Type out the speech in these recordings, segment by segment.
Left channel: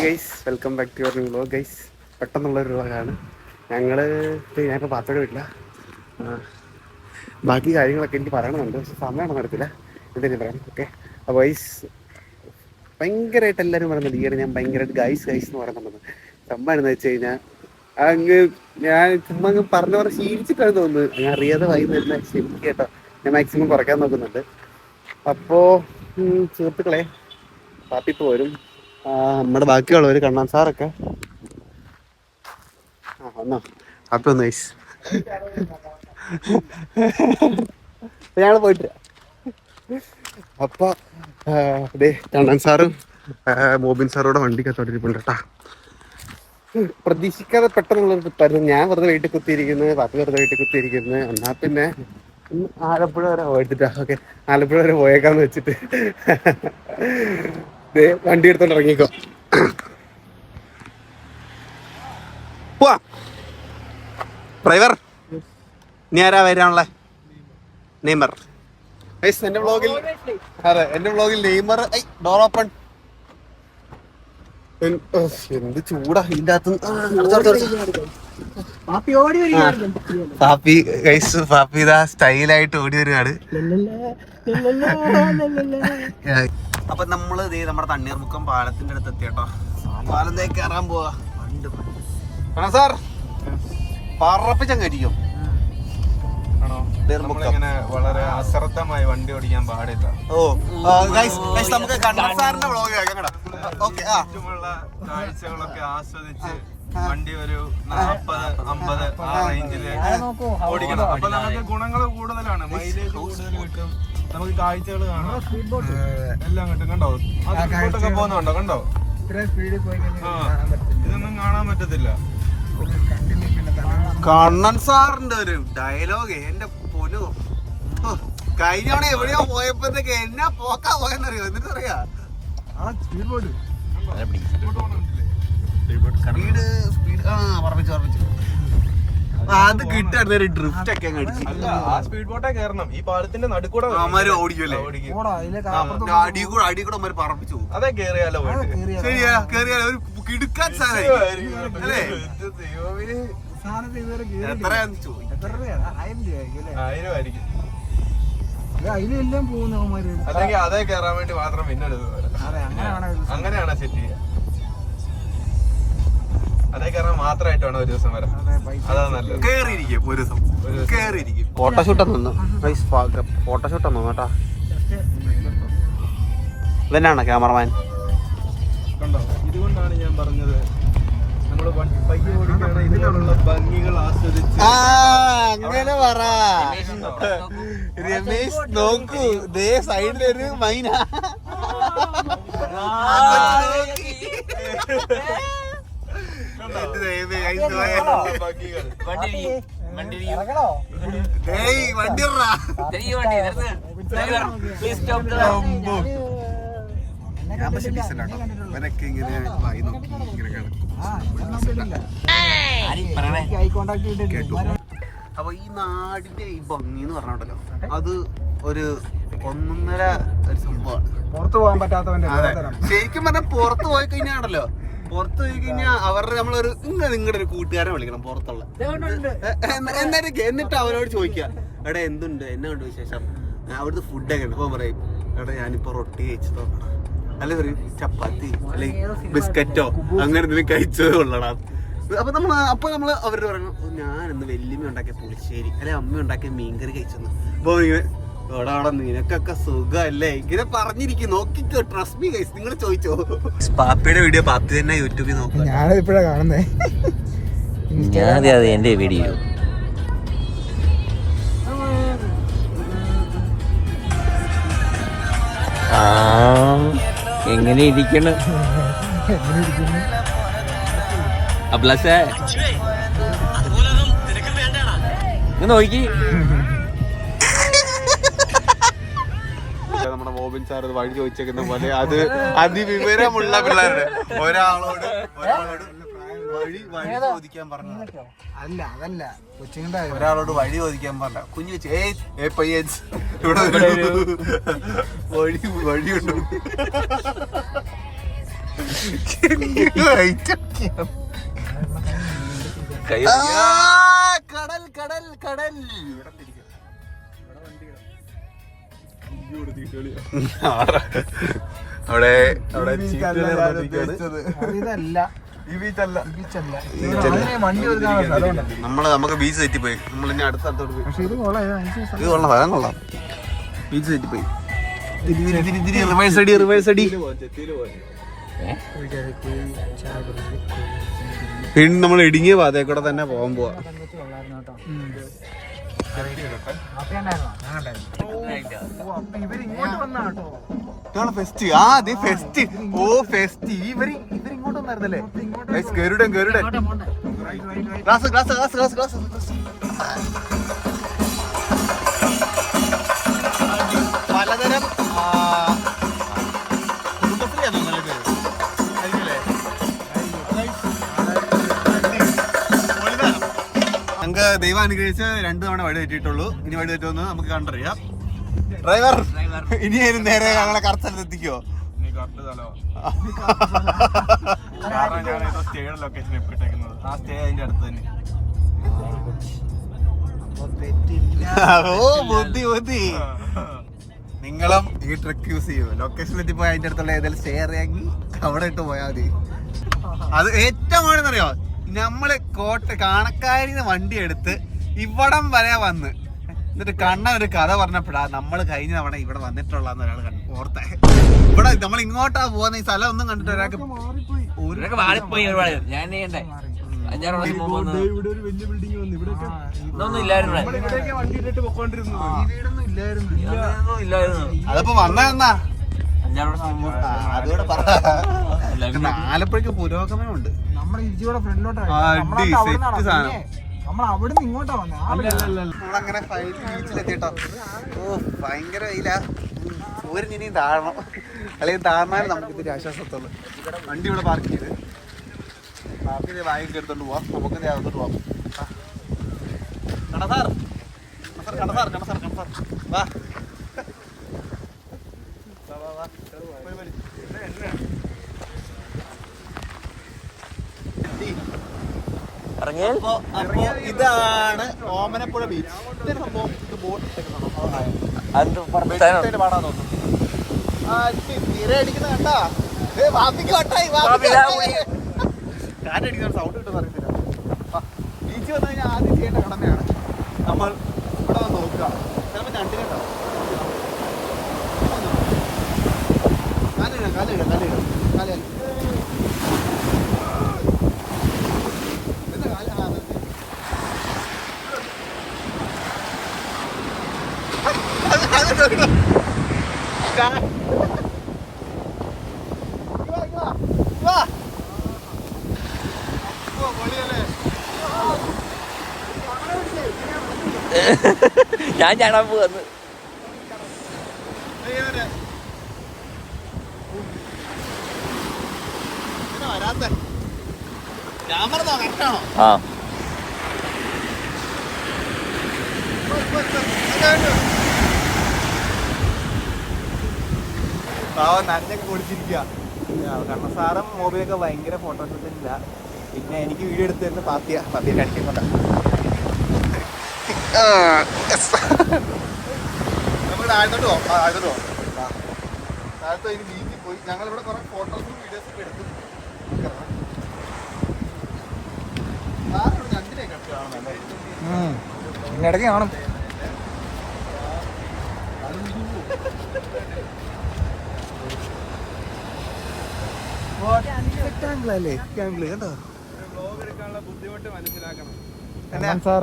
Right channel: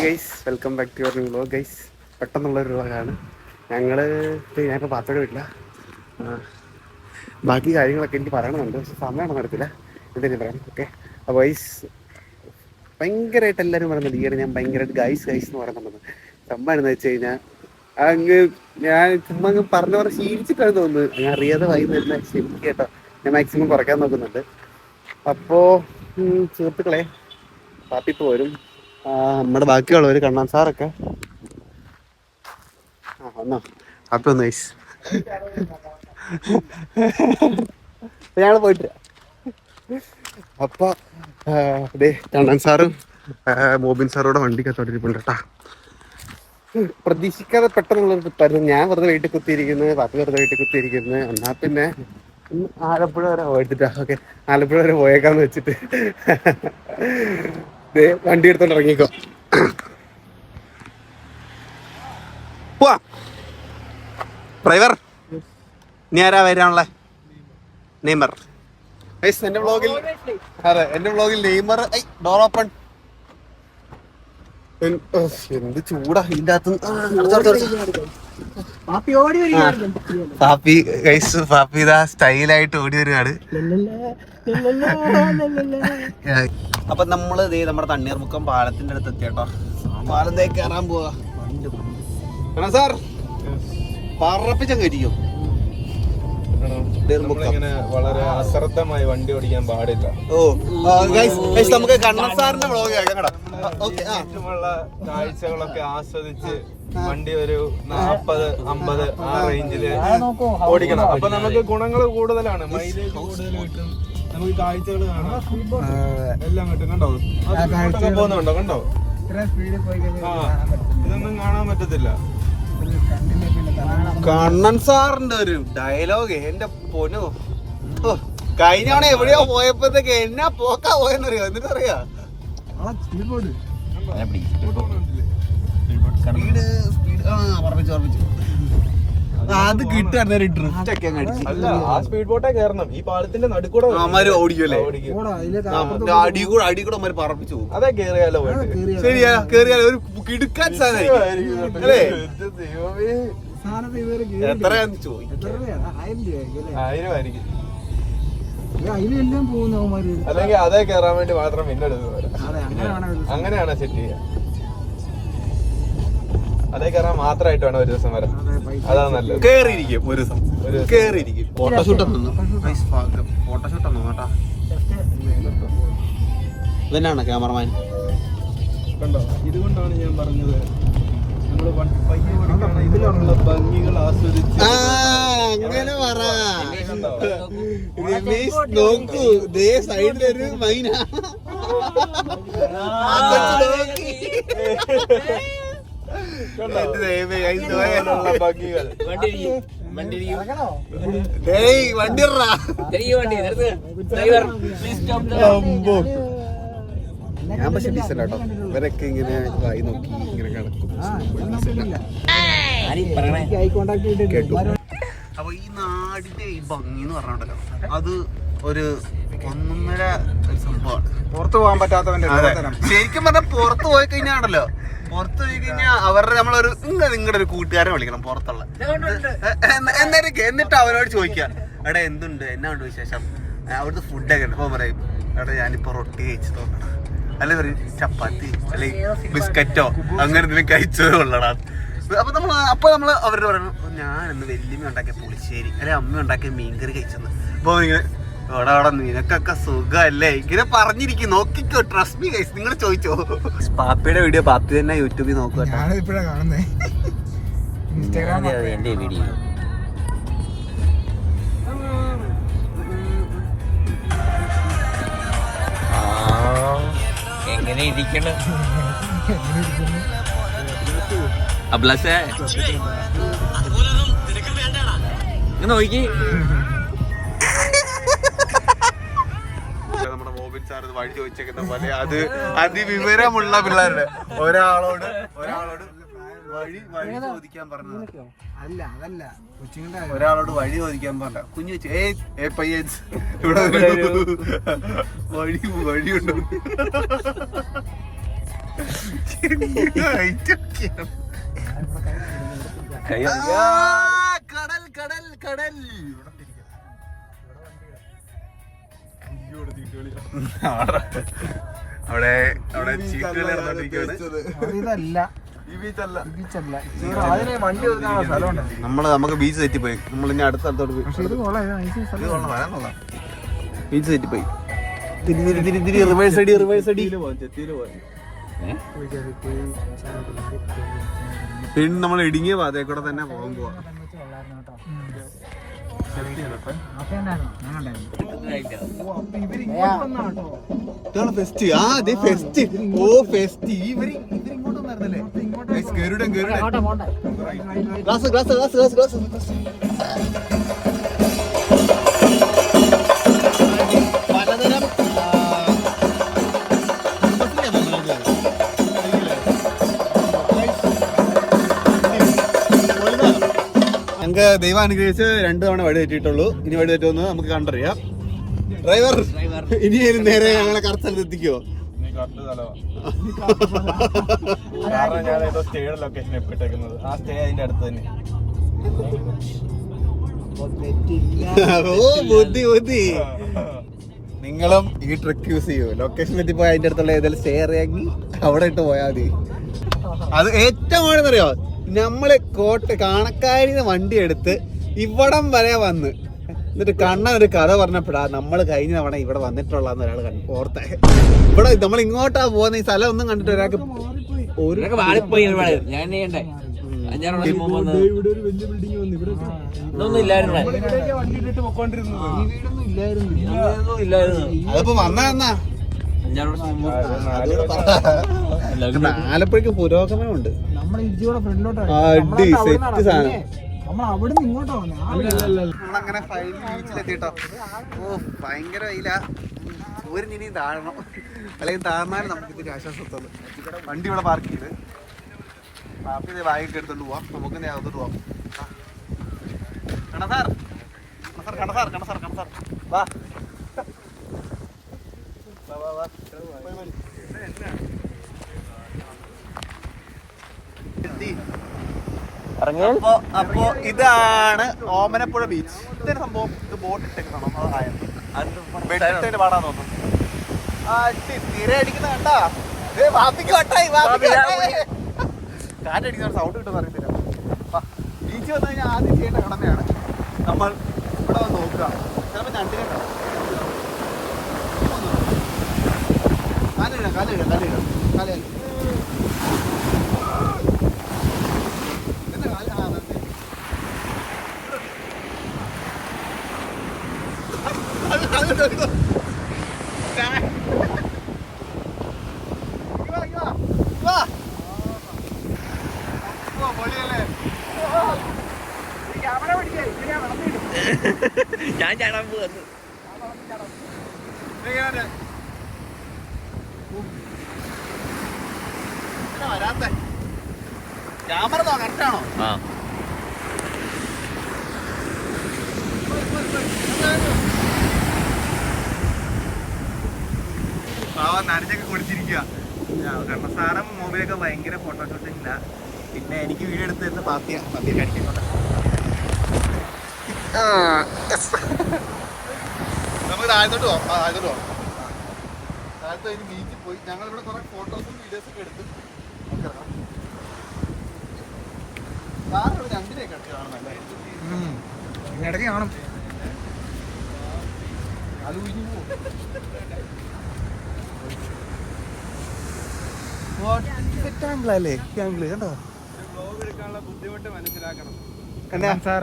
Hi guys, welcome back to your new vlog guys. പെട്ടെന്നുള്ളൊരു വ്ലോഗാണ്. ഞാനിപ്പോൾ പാപ്പയുടെ വീട്ടില. ബാക്കി കാര്യങ്ങളൊക്കെ എനിക്ക് പറയണമെന്നുണ്ട്, പക്ഷെ സമയമൊന്നും നടത്തില്ല. എന്തെങ്കിലും പറയാം. ഓക്കെ, അപ്പോൾ ഗൈസ് ഭയങ്കരമായിട്ട് എല്ലാവരും പറയുന്നുണ്ട് ഈയിടെ ഞാൻ ഭയങ്കരമായിട്ട് ഗൈസ് എന്ന് പറയുന്നുണ്ടെന്ന്. സംഭവം എന്ന് വെച്ച് കഴിഞ്ഞാൽ ഞാൻ ചുമ്മാ പറഞ്ഞ പോലെ ശീലിച്ചിട്ടാണ് തോന്നുന്നത്. ഞാൻ അറിയാതെ വൈകുന്നേരം ക്ഷമിക്കുക കേട്ടോ. ഞാൻ മാക്സിമം കുറയ്ക്കാൻ നോക്കുന്നുണ്ട്. അപ്പോൾ സുഹൃത്തുക്കളെ, പാപ്പി ഇപ്പോൾ വരും. നമ്മുടെ ബാക്കിയുള്ളവർ കണ്ണാൻ സാറൊക്കെ വന്നോ? പാപ്പി ഒന്ന് ഗൈസ്. ഞങ്ങൾ പോയിട്ട് അപ്പോൾ അതെ കണ്ണൻ സാറും മോബിൻ സാറോടെ വണ്ടിക്കത്തോട്ടിരിപ്പുണ്ട് കേട്ടാ. പ്രതീക്ഷിക്കാതെ പെട്ടെന്നുള്ളൊരു ട്രിപ്പായിരുന്നു. ഞാൻ വെറുതെ വീട്ടിൽ കുത്തിയിരിക്കുന്നത്, പാപ്പി വെറുതെ വീട്ടിൽ കുത്തിയിരിക്കുന്നത്. എന്നാൽ പിന്നെ ആലപ്പുഴ വരെ പോയിട്ടാ. ഓക്കെ, ആലപ്പുഴ വരെ പോയേക്കാന്ന് വെച്ചിട്ട് വണ്ടി എടുത്തോണ്ട് ഇറങ്ങിക്കോ. ഡ്രൈവർ ഇനി ആരാ വരാനുള്ളേ? നെയ്മർ. എന്റെ വ്ളോഗിൽ നെയ്മർ. Door open. എന്ത് ചൂടാ ഇതിന്റെ അകത്ത്. പാപ്പി ഇതാ സ്റ്റൈലായിട്ട് ഓടി വരുവാണ്. അപ്പൊ നമ്മള് നമ്മുടെ തണ്ണീർമുക്കം പാലത്തിന്റെ അടുത്ത് എത്തിയട്ടോ. പാലത്തേക്ക് കയറാൻ പോവാ. സാർ പറപ്പിച്ചങ്ങ് വളരെ അശ്രദ്ധമായി വണ്ടി ഓടിക്കാൻ പാടില്ല. നമുക്ക് കണ്ണൻ സാറിന്റെ വ്ളോഗ് കേൾക്കാം. ചുറ്റുമുള്ള കാഴ്ചകളൊക്കെ ആസ്വദിച്ച് വണ്ടി ഒരു 40-50 ആ റേഞ്ചില് ഓടിക്കണം. അപ്പൊ നമുക്ക് ഗുണങ്ങൾ കൂടുതലാണ്, മൈലേജ് കൂടുതൽ കിട്ടും, നമുക്ക് കാഴ്ചകൾ കാണാം, എല്ലാം കിട്ടും. കണ്ടോ പോകുന്നുണ്ടോ? കണ്ടോ? ഇതൊന്നും കാണാൻ പറ്റത്തില്ല. കണ്ണൻ സാറിന്റെ ഒരു ഡയലോഗ് എന്റെ പൊന്നു. കഴിഞ്ഞ തവണ എവിടെയോ പോയപ്പോഴത്തേക്ക് എന്നാ പോക്കാ പോയെന്നറിയോ? എന്നിട്ട് അറിയാ അത് കിട്ടാൻ ഒരു ഡ്രിഫ്റ്റ് ഒക്കെ അടിച്ചു. ആ സ്പീഡ് ബോട്ടേ കയറണം. ഈ പാലത്തിന്റെ നടുക്കൂടെ ഓടിക്കുമല്ലേ? അടി കൂടെ അമ്മ പറപ്പിച്ചു പോകും. അതെ, കേറിയാലോ? ശരിയാ, കേറിയാലോ? ഒരു കിടുക്കാൻ സാധനമായിരിക്കും അല്ലേ? എത്രയാന്ന് ചോദിക്കും. 1000 ആയിരിക്കും. അതിലെല്ലാം പോകുന്നവന്മാര് അല്ലെങ്കിൽ അതേ കയറാൻ വേണ്ടി മാത്രം പിന്നെടുക്കുന്നത്. അങ്ങനെയാണ് സെറ്റ് ചെയ്യുക. അതേ കയറാൻ മാത്രമായിട്ട് വേണം ഒരു ദിവസം വരാം. അതാണ് നല്ലത്. കേറിയിരിക്കും ഒരു ദിവസം, കേറിയിരിക്കും. ഫോട്ടോഷൂട്ടൊന്നും ഫോട്ടോഷൂട്ടൊന്നും കേട്ടാ. ഇതന്നെയാണോ ക്യാമറമാൻ? കണ്ടോ? ഇതുകൊണ്ടാണ് ഞാൻ പറഞ്ഞത് നമ്മള് ഇതിലുള്ള ഭംഗികൾ ആസ്വദിച്ച്. അങ്ങനെ പറ രമേശ്. നോക്കൂ, ദേ സൈഡിലൊരു മൈന. ഞാൻ പക്ഷെ ഡീസന്റ് ആട്ടോ. ഇവരൊക്കെ ഇങ്ങനെ വായി നോക്കി ഇങ്ങനെ കിടക്കും. കേട്ടു. അപ്പൊ ഈ നാടിന്റെ ഈ ഭംഗി എന്ന് പറഞ്ഞിട്ടല്ലോ, അത് ഒരു ഒന്നൊന്നര ഒരു സംഭവമാണ്. പുറത്തു പോകാൻ പറ്റാത്തവന്റെ ശരിക്കും പറഞ്ഞാൽ പുറത്ത് പോയി കഴിഞ്ഞാണല്ലോ, പുറത്ത് പോയി കഴിഞ്ഞാൽ അവരുടെ നമ്മളൊരു നിങ്ങളുടെ ഒരു കൂട്ടുകാരെ വിളിക്കണം പുറത്തുള്ള. എന്നിട്ട് അവരോട് ചോദിക്കുക, എടാ എന്തുണ്ട്, എന്നാ ഉണ്ട് വിശേഷം, അവിടുത്തെ ഫുഡൊക്കെ ഉണ്ട്. അപ്പോൾ പറയും, എടാ ഞാനിപ്പോ റൊട്ടി കഴിച്ചു തോന്നണം, അല്ലെ പറയും ചപ്പാത്തി അല്ലെങ്കിൽ ബിസ്ക്കറ്റോ അങ്ങനെ എന്തെങ്കിലും കഴിച്ചതേ ഉള്ളടാ. അപ്പൊ നമ്മൾ അവരോട് പറയണം, ഞാനിന്ന് വല്യമ്മ ഉണ്ടാക്കിയ പുളിശ്ശേരി അല്ലെ അമ്മ ഉണ്ടാക്കിയ മീൻകറി കഴിച്ചെന്ന്. അപ്പൊ ഇങ്ങനെ അവിടെ നിനക്കൊക്കെ സുഖല്ലേ ഇങ്ങനെ പറഞ്ഞിരിക്കും. നോക്കിക്കോ, ട്രസ്റ്റ് മീ ഗൈസ്. നിങ്ങൾ ചോദിച്ചോ, പാപ്പിയുടെ വീഡിയോ പാപ്പി തന്നെ യൂട്യൂബിൽ നോക്കുക. ഞാനിപ്പോഴാ കാണുന്നേ എന്റെ വീഡിയോ. എങ്ങനെ ഇരിക്കണം അബ്ലസേ? നോക്കി നമ്മുടെ മോബിൻ സാർ വഴി ചോദിച്ചേക്കുന്ന പോലെ അത് അതിവിവരമുള്ള പിള്ളേരുടെ ഒരാളോട് വഴി ചോദിക്കാൻ പറഞ്ഞത്. അല്ല അതല്ല കൊച്ചിന്റെ ഒരാളോട് വഴി ചോദിക്കാൻ പറഞ്ഞ കുഞ്ഞു പയ്യൻസ് ഇവിടെ വഴിയുണ്ട്. കടൽ കടൽ കടൽ. അവിടെ അവിടെ ഇതല്ല ഈ ബീച്ചല്ല. ബീച്ചല്ല. അതിനെ വണ്ടി ഒതുക്കാനുള്ള സ്ഥലമുണ്ട്. നമുക്ക് ബീച്ച് തെറ്റിപ്പോയി. നമ്മൾ ഇനി അടുത്ത സ്ഥലത്തോട്ട് പോയി. പക്ഷെ ഇത് കൊള്ളാം. ഇത് കൊള്ളാം, സ്ഥലം കൊള്ളാം. ബീച്ച് തെറ്റിപ്പോയി. റിവേഴ്സ് അടി, റിവേഴ്സ് അടി. പിന്നെ നമ്മൾ ഇടുങ്ങിയ പാതയിൽ കൂടെ തന്നെ പോകാൻ പോവാ. ഫെസ്റ്റ്. ആ അതെ ഫെസ്റ്റ്. ഓ ഫെസ്റ്റ്. ഇവരിങ്ങോട്ടൊന്നായിരുന്നല്ലേ? Garudan Garudan. Glass glass glass glass glass. പലതരം ഞങ്ങൾക്ക് ദൈവം അനുഗ്രഹിച്ച് 2 തവണ വഴി തെറ്റിയിട്ടുള്ളൂ. ഇനി വഴി തെറ്റുമെന്ന് നമുക്ക് കണ്ടറിയാം. ഡ്രൈവർ ഇനി നേരെ ഞങ്ങളെ കറക്റ്റ് സ്ഥലത്ത് എത്തിക്കുവോ? കാരണം ഞാൻ ഏതോ സ്റ്റേയുടെ ലൊക്കേഷൻ എപ്പിട്ടേക്കുന്നത്. ആ സ്റ്റേ അതിന്റെ അടുത്ത് തന്നെ. ഓ ബുദ്ധി ബുദ്ധി. നിങ്ങളും ഈ ട്രിക്ക് യൂസ് ചെയ്യൂ. ലൊക്കേഷൻ എത്തിപ്പോയി അതിന്റെ അടുത്തുള്ള ഏതെങ്കിലും സ്റ്റേ അറിയാമെങ്കിൽ അവിടെ ഇട്ട് പോയാൽ മതി. അത് ഏറ്റവും ആണെന്നറിയോ, നമ്മള് കാണക്കാരിന്ന് വണ്ടി എടുത്ത് ഇവിടം വരെ വന്ന് എന്നിട്ട് കണ്ണൻ ഒരു കഥ പറഞ്ഞപ്പോഴാ നമ്മള് കഴിഞ്ഞ തവണ ഇവിടെ വന്നിട്ടുള്ളതെന്ന് ഒരാൾ ഓർത്തെ. ഇവിടെ നമ്മൾ ഇങ്ങോട്ടാ പോകുന്ന ഈ സ്ഥലം ഒന്നും കണ്ടിട്ട് ഒരാൾക്ക് വാളിപ്പോയി. ഞാൻ അതിപ്പോ വന്നാ ആലപ്പുഴക്ക് പുരോഗമനമുണ്ട്. നമ്മുടെ ഇരിച്ചിയുടെ ഫ്രണ്ടിലോട്ട് അടി സെറ്റ് സാധനം. നമ്മൾ അവിടെ നിന്ന് ഇങ്ങോട്ടാ വന്നെ. നമ്മളങ്ങനെ ഫൈനൽ ബീച്ചിലെത്തിട്ടോ. ഓ ഭയങ്കര വെയിലാ. സൂര്യൻ ഇനിയും താഴണം, അല്ലെങ്കിൽ താഴ്ന്നാലും നമുക്ക് ഇത്തിരി ആശ്വാസത്തുള്ളൂ. വണ്ടി ഇവിടെ പാർക്ക് ചെയ്ത് പാർക്ക് ബാഗൊക്കെ എടുത്തോണ്ട് പോവാം. നമുക്ക് അകത്തോട്ട് പോവാം. കണസാർ കണസാർ കണസാർ കണസാർ കണസാർ വാ. അപ്പോ ഇതാണ് ഓമനപ്പുഴ ബീച്ച്. ഇതൊരു സംഭവം. ഇത് ബോട്ട് ഇട്ടേക്കുന്നതാണ്. കാറ്റടിക്കുന്ന സൗണ്ട് കിട്ടുന്ന അറിയത്തില്ല. ബീച്ച് വന്നു കഴിഞ്ഞാൽ ആദ്യം ചെയ്യേണ്ട കടമയാണ് നമ്മൾ ഇവിടെ വന്ന് നോക്കുക. ചിലപ്പോൾ ഞണ്ടിനുണ്ടാവും. കാലിടാം കാലിടാം കാലിടാം കാലി ഞാൻ ചാടാൻ പോവാന്ന്. വരാത്ത ക്യാമറ കറക്റ്റാണോ? ആ നനഞ്ഞൊക്കെ കുടിച്ചിരിക്കുക. കണ്ണസാറും മോബിലൊക്കെ ഭയങ്കര ഫോട്ടോഷൂട്ടില്ല. പിന്നെ എനിക്ക് വീഡിയോ എടുത്ത് തരുന്ന പാത്തിയ കാണിക്കുന്നുണ്ട്. നമുക്ക് താഴത്തോട്ട് പോവാം. താഴത്തോട്ട് പോവാം. താഴത്ത് അതിന് ബീച്ചിൽ പോയി ഞങ്ങളിവിടെ കുറെ ഫോട്ടോസും വീഡിയോസൊക്കെ എടുത്തു. നമുക്കിറങ്ങാം. സാറിവിടെ ഞണ്ടിനെയൊക്കെ എടുത്ത് കാണുന്നല്ലേ? ഇടയ്ക്ക് കാണും. വ്ലോഗ് എടുക്കാനുള്ള ബുദ്ധിമുട്ട് മനസ്സിലാക്കണം. കണ്ണൻ സാർ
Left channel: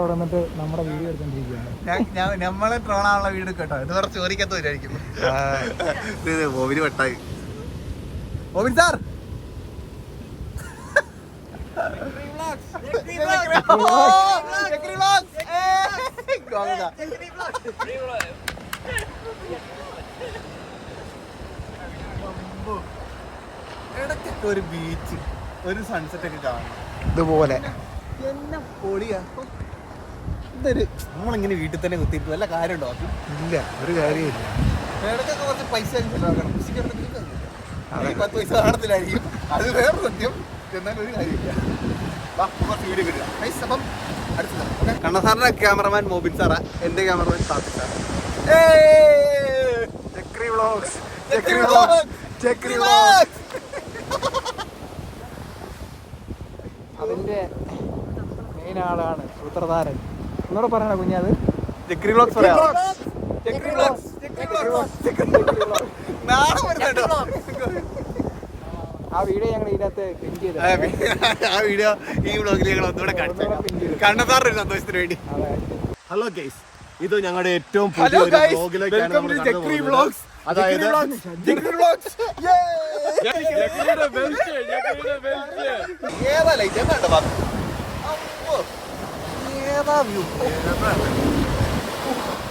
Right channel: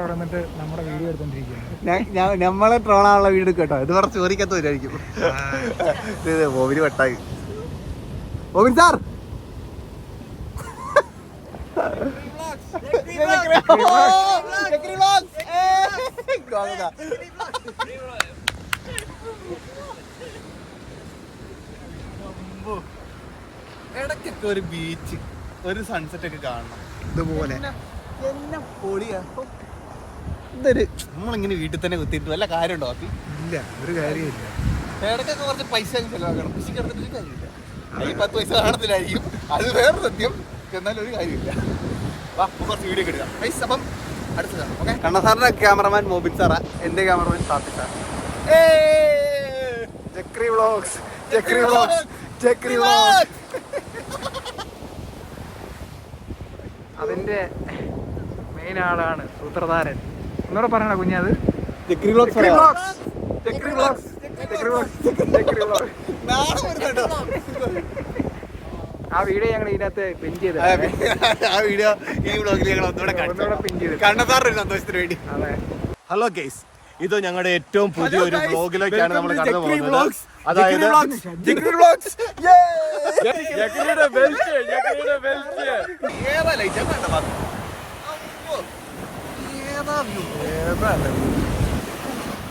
അവിടെ വന്നിട്ട് നമ്മുടെ വീഡിയോ എടുത്തോണ്ടിരിക്കുകയാണ്. നമ്മളെ ട്രോളാനുള്ള വീട് കേട്ടോ. ഇത് കുറച്ച് ചോദിക്കാത്ത വരായിരിക്കും. ബോബിന് വട്ടായി. ബോബിൻ സാർ ഇടയ്ക്കൊക്കെ ഒരു ബീച്ച്, ഒരു സൺസെറ്റ് ഒക്കെ കാണണം ഇതുപോലെ. ഇതൊരു നമ്മളിങ്ങനെ വീട്ടിൽ തന്നെ കുത്തിയിട്ട് വല്ല കാര്യമുണ്ടോ? അപ്പി ഇല്ല, ഒരു കാര്യമില്ല. ഇടയ്ക്കൊക്കെ കുറച്ച് പൈസ ചെലവാക്കണം. കൃഷിക്ക് എടുത്തിട്ട് കാര്യമില്ല. ഈ 10 പൈസ കാണത്തില്ലായിരിക്കും, അത് വേറെ സത്യം. എന്നാലും ഒരു കാര്യമില്ല. വാ നമുക്ക് വീഡിയോ കിട്ടുക. അപ്പം അടുത്തതാണ്. ഓക്കെ, കണ്ണസാറിന്റെ ക്യാമറമാൻ മോബിൻ സാറാ, എന്റെ ക്യാമറമാൻ സാക്കി സാറാ. Chakri vlogs, Chakri vlogs, Chakri vlogs. അതിന്റെ മെയിൻ ആളാണ് സൂത്രധാരൻ. ഒന്നുകൂടെ പറയണ കുഞ്ഞത്. Chakri vlogs, Chakri vlogs, Chakri vlogs, Chakri vlogs, Chakri vlogs. ആ വീഡിയോ ഞങ്ങൾ ഇതിനകത്ത് പിൻ ചെയ്ത്, ആ വീഡിയോ ഈ വ്ളോഗിൽ ഞങ്ങൾ ഒന്നുകൂടെ പിൻ ചെയ്ത് കണ്ണസാറിന്റെ സന്തോഷത്തിന് വേണ്ടി. അതെ. ഹലോ ഗൈസ്, ഇത് ഞങ്ങളുടെ ഏറ്റവും പുതിയൊരു വ്ളോഗിലേക്കാണ് നമ്മൾ കടന്നു പോകുന്നത്.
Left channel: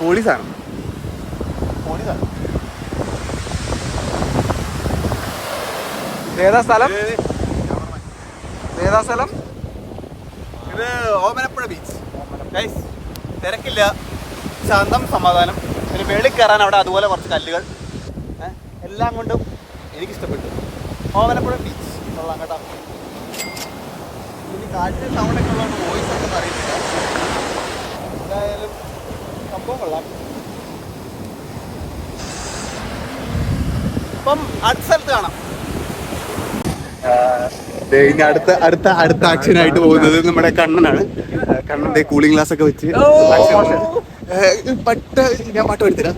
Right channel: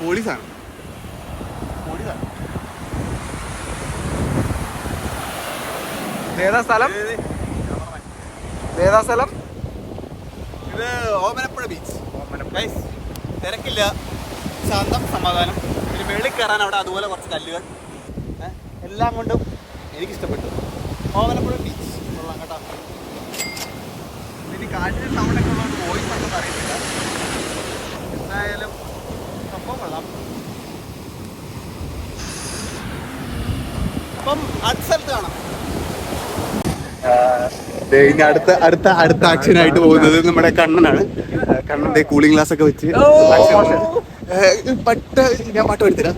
പോലീസാണ്. ഏതാ സ്ഥലം? ഏതാ സ്ഥലം? ഇത് ഓമനപ്പുഴ ബീച്ച്. ഗൈസ്, തിരക്കില്ല, ശാന്തം, സമാധാനം. പിന്നെ വെളിയിൽ കയറാൻ അവിടെ അതുപോലെ കുറച്ച് കല്ലുകൾ, എല്ലാം കൊണ്ടും എനിക്കിഷ്ടപ്പെട്ടു. ഓമനപ്പുഴ ബീച്ച് കൊള്ളാം കേട്ടോ. ഇനി കാറ്റിന് സൗണ്ടൊക്കെ ഉള്ളതുകൊണ്ട് വോയിസ് ഉണ്ടെന്ന് അറിയത്തില്ല. എന്തായാലും സംഭവം കൊള്ളാം. ഇപ്പം അടുത്ത സ്ഥലത്ത് കാണാം. ഇനി അടുത്ത ആക്ഷനായിട്ട് പോകുന്നത് നമ്മുടെ കണ്ണനാണ്. കണ്ണന്റെ കൂളിംഗ് ഗ്ലാസ് ഒക്കെ വെച്ച് ഞാൻ പാട്ട് പഠിത്തരാം.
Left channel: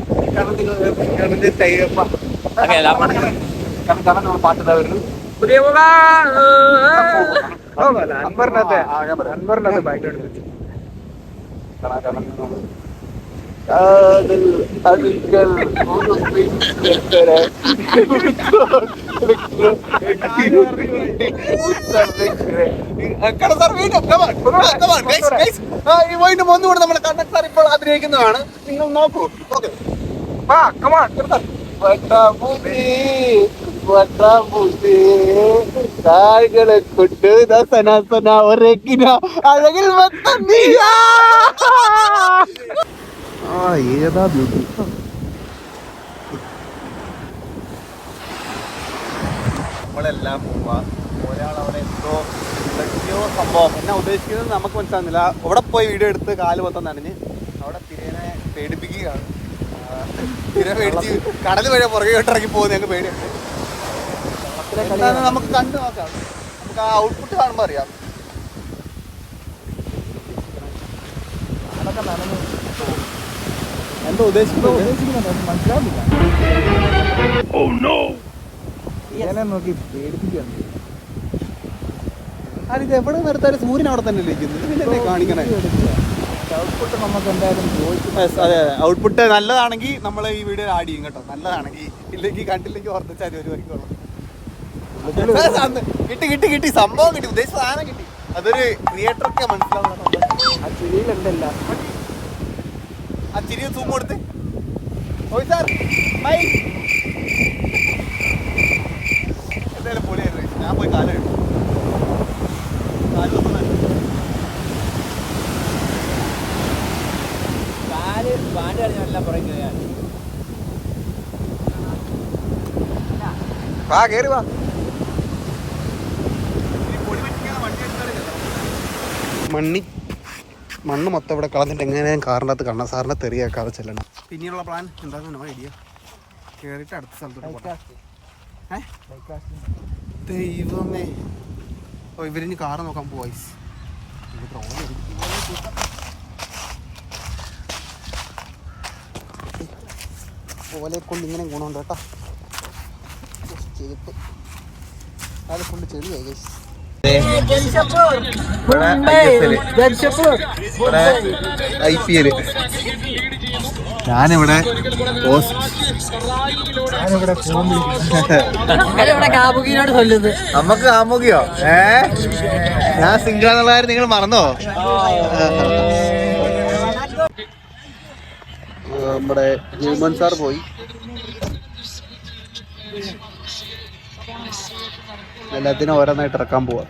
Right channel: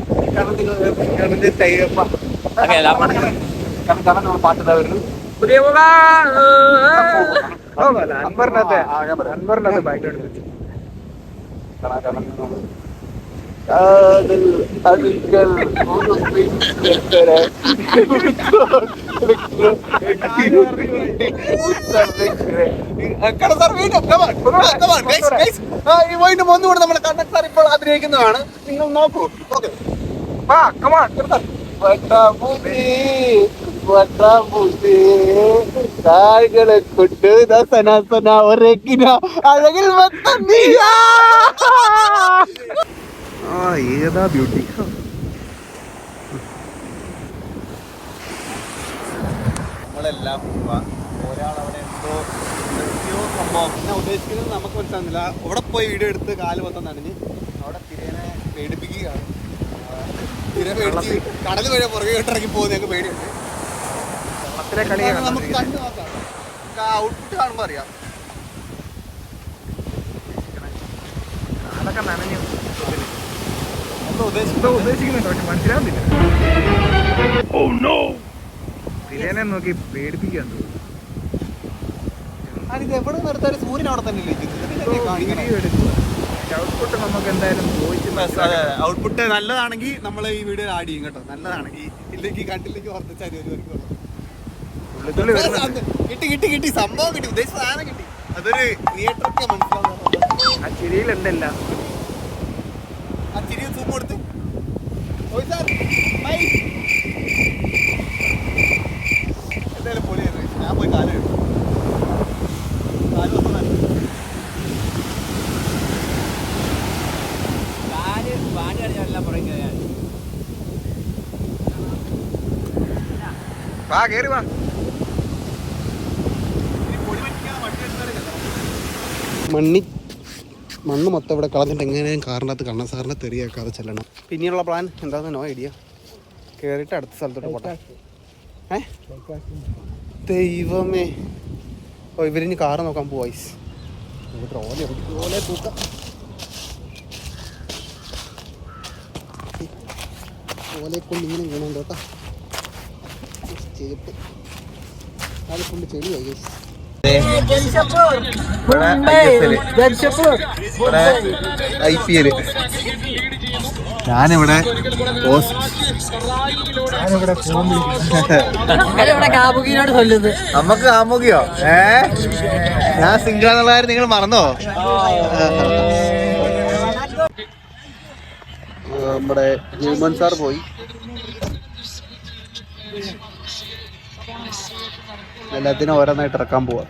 കണ്ണന്റെ അൻവറിനകത്ത് ബാക്ക്ഗ്രൗണ്ട് വെച്ച് ഒന്നുകൂടെ നമ്മുടെ കണ്ണൻ സാർ ഇപ്പോൾ അഭിനയിക്കുന്നതാണ്, നിങ്ങൾ നോക്കൂ. ഓക്കെ, താഴ്കളെ കൊണ്ട് ഒരക്കിന അഴകിൽ ഏതാ ബ്യൂട്ടി. നമ്മളെല്ലാം പോവാ. ഒരാളവിടെ എന്തോ സംഭവം എന്നാ ഉദ്ദേശിക്കുന്നത് നമുക്ക് മനസ്സിലാകുന്നില്ല. അവിടെ പോയി വീഡിയോ എടുത്ത് കാല് മൊത്തം നനഞ്ഞ് അവിടെ തിരേനെ പേടിപ്പിക്കുകയാണ്. തിര പേടിച്ച് കടൽ വഴി പുറകെ ഇറങ്ങി പോകുന്ന ഞങ്ങൾക്ക് പേടിയുണ്ട്. നമുക്ക് കണ്ടു നോക്കാം, നമുക്ക് ആ ഔട്ട്പുട്ട് കാണുമ്പോൾ അറിയാം. അതൊക്കെ നനഞ്ഞു എന്താ ഉദ്ദേശിക്കുന്നുണ്ട്, പക്ഷെ മനസ്സിലാകുന്നില്ല. തിരേനെ നോക്കി പേടിപ്പിക്കാൻ എവിടെ നിർത്താൻ സൂര്യൻ അവിടെ തന്നെ ഔട്ട്പുട്ട് നമുക്ക് എന്തായാലും ചോദിച്ചു. ഔട്ട്പുട്ട് നല്ലതാണെങ്കിൽ നമ്മൾ ഈ വീഡിയോ ആഡ് ചെയ്യും കേട്ടോ. നല്ലതാണെങ്കിൽ ഇല്ലെങ്കിൽ കണ്ടില്ലെങ്കിൽ ഓർത്തിച്ചാൽ ഒരു വരിക്കുള്ളൂ. കിട്ടി സംഭവം കിട്ടി, ഉദ്ദേശിച്ച സാധനം കിട്ടി. അതൊരു തിയേറ്ററൊക്കെ മനസ്സിലാവുന്ന ആ ചിരിയിലുണ്ടല്ല. ആ ചിരി സൂം കൊടുത്ത് എന്തായാലും പൊളിയായിരുന്നു. ഞാൻ പോയി കാലം എടുക്കും. വാ കേറി വാ. മണ്ണ് മൊത്തം ഇവിടെ കളഞ്ഞിട്ട് എങ്ങനെയും കാറിൻ്റെ അകത്ത് കണ്ണ സാറിനെ തെറിയാക്കാതെ ചെല്ലണം. പിന്നെയുള്ള പ്ലാൻ എന്താണെന്ന് നോ ഐഡിയ. കയറിയിട്ട് അടുത്ത സ്ഥലത്തോട്ട് പോട്ടെ. ദൈവമേ, ഓ ഇവരിഞ്ഞ് കാറ് നോക്കാൻ പോവാ. ഓലെ തൂക്കാം. ഓലെ കൊണ്ട് ഇങ്ങനെ ഗുണമുണ്ട് കേട്ടോ. ചേപ്പ് അത് ഫുള്ള് ചെടിയായി ഗൈസ്. IPL ഞാനിവിടെ നമുക്ക് കാമുകിയോ? ഞാൻ സിംഗിൾ എന്നുള്ള കാര്യം നിങ്ങൾ മറന്നോ? നമ്മുടെ ഹ്യൂമൻ സാർ പോയി. എല്ലാത്തിനും ഓരോന്നായിട്ട് ഇറക്കാൻ പോവാ.